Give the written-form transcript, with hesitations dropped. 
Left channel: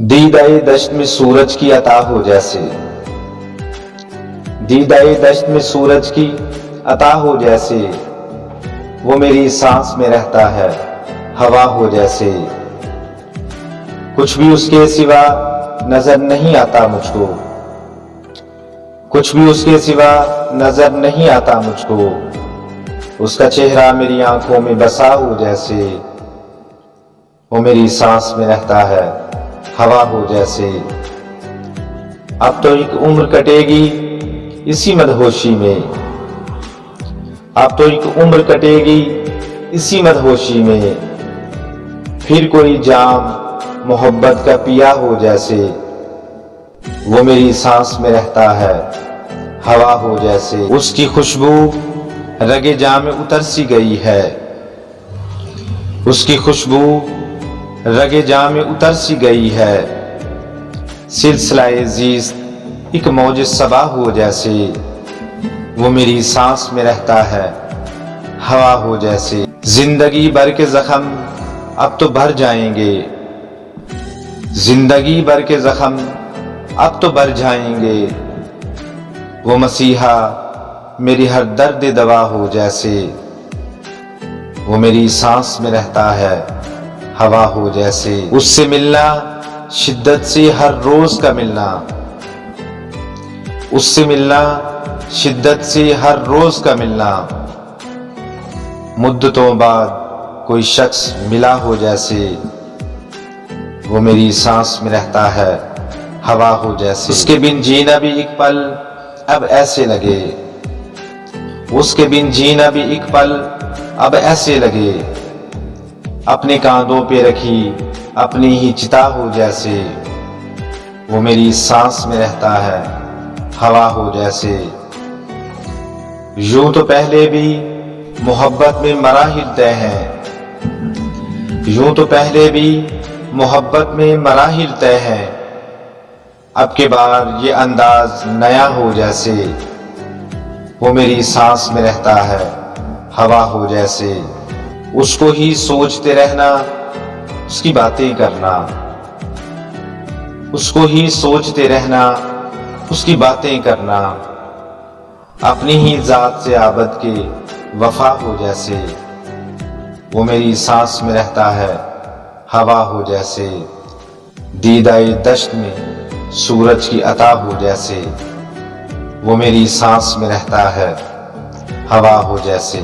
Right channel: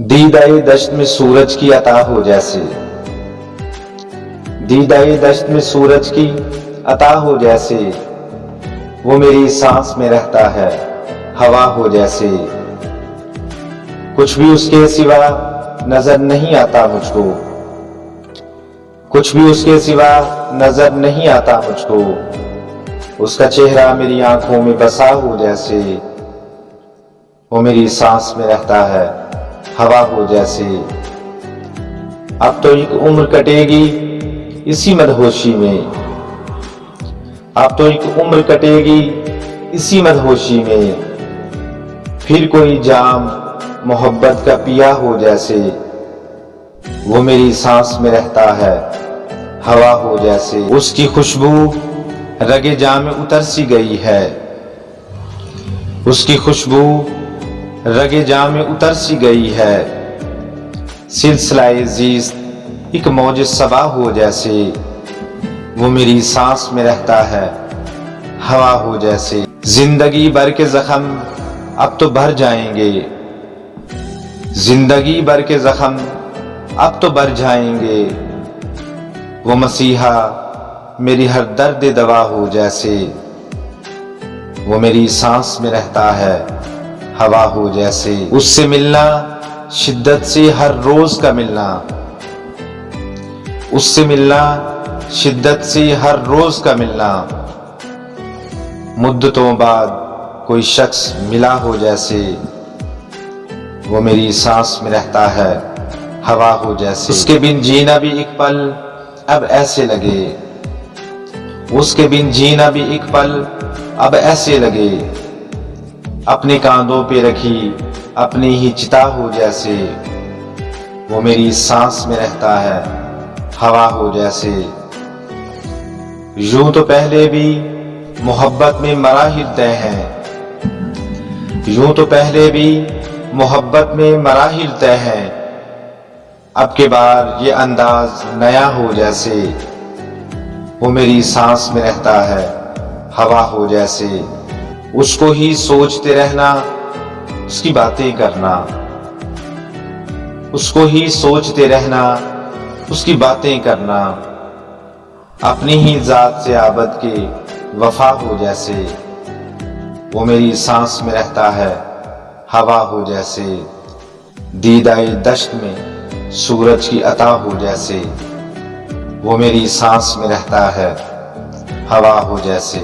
दीदाए दश्त में सूरज की अता हो जैसे, दीदाए दश्त में सूरज की अता हो जैसे, वो मेरी सांस में रहता है हवा हो जैसे। कुछ भी उसके सिवा नजर नहीं आता मुझको, कुछ भी उसके सिवा नजर नहीं आता मुझको। उसका चेहरा मेरी आंखों में बसा हो जैसे, वो मेरी सांस में रहता है हवा हो जैसे। अब तो एक उम्र कटेगी इसी मदहोशी में, अब तो एक उम्र कटेगी इसी मदहोशी में। फिर कोई जाम मोहब्बत का पिया हो जैसे, वो मेरी सांस में रहता है हवा हो जैसे। उसकी खुशबू रगे जाम में उतर सी गई है, उसकी खुशबू रगे जाम में उतर सी गई है। सिलसिलाए ज़ीस्त एक मौज सबा हो जैसे, वो मेरी सांस में रहता है हवा हो जैसे। जिंदगी भर के जख्म अब तो भर जाएंगे, जिंदगी भर के जख्म अब तो भर जाएंगे। वो मसीहा मेरी हर दर्द दवा हो जैसे, वो मेरी सांस में रहता है हवा हो जैसे। उससे मिलना शिद्दत से हर रोज का मिलना, उससे मिलना शिद्दत से हर रोज का मिलना। मुद्दतों बाद कोई शख्स मिला हो जैसे, वो मेरी सांस में रहता है हवा हो जैसे। उसके बिन जीना भी एक पल अब ऐसे लगे, उसके बिन जीना भी एक पल अब ऐसे लगे। अपने कांधों पे रखी अपनी ही चिता हो जैसे, वो मेरी सांस में रहता है हवा हो जैसे। यूं तो पहले भी मोहब्बत में मराहिल तय हैं, यूं तो पहले भी मोहब्बत में मराहिल तय हैं। अब के बार ये अंदाज नया हो जैसे, वो मेरी सांस में रहता है हवा हो जैसे। उसको ही सोचते रहना, उसकी बातें करना, उसको ही सोचते रहना, उसकी बातें करना। अपनी ही जात से आबद के वफा हो जैसे, वो मेरी सांस में रहता है हवा हो जैसे। दीदाए दश्त में सूरज की अता हो जैसे, वो मेरी सांस में रहता है हवा हो जैसे।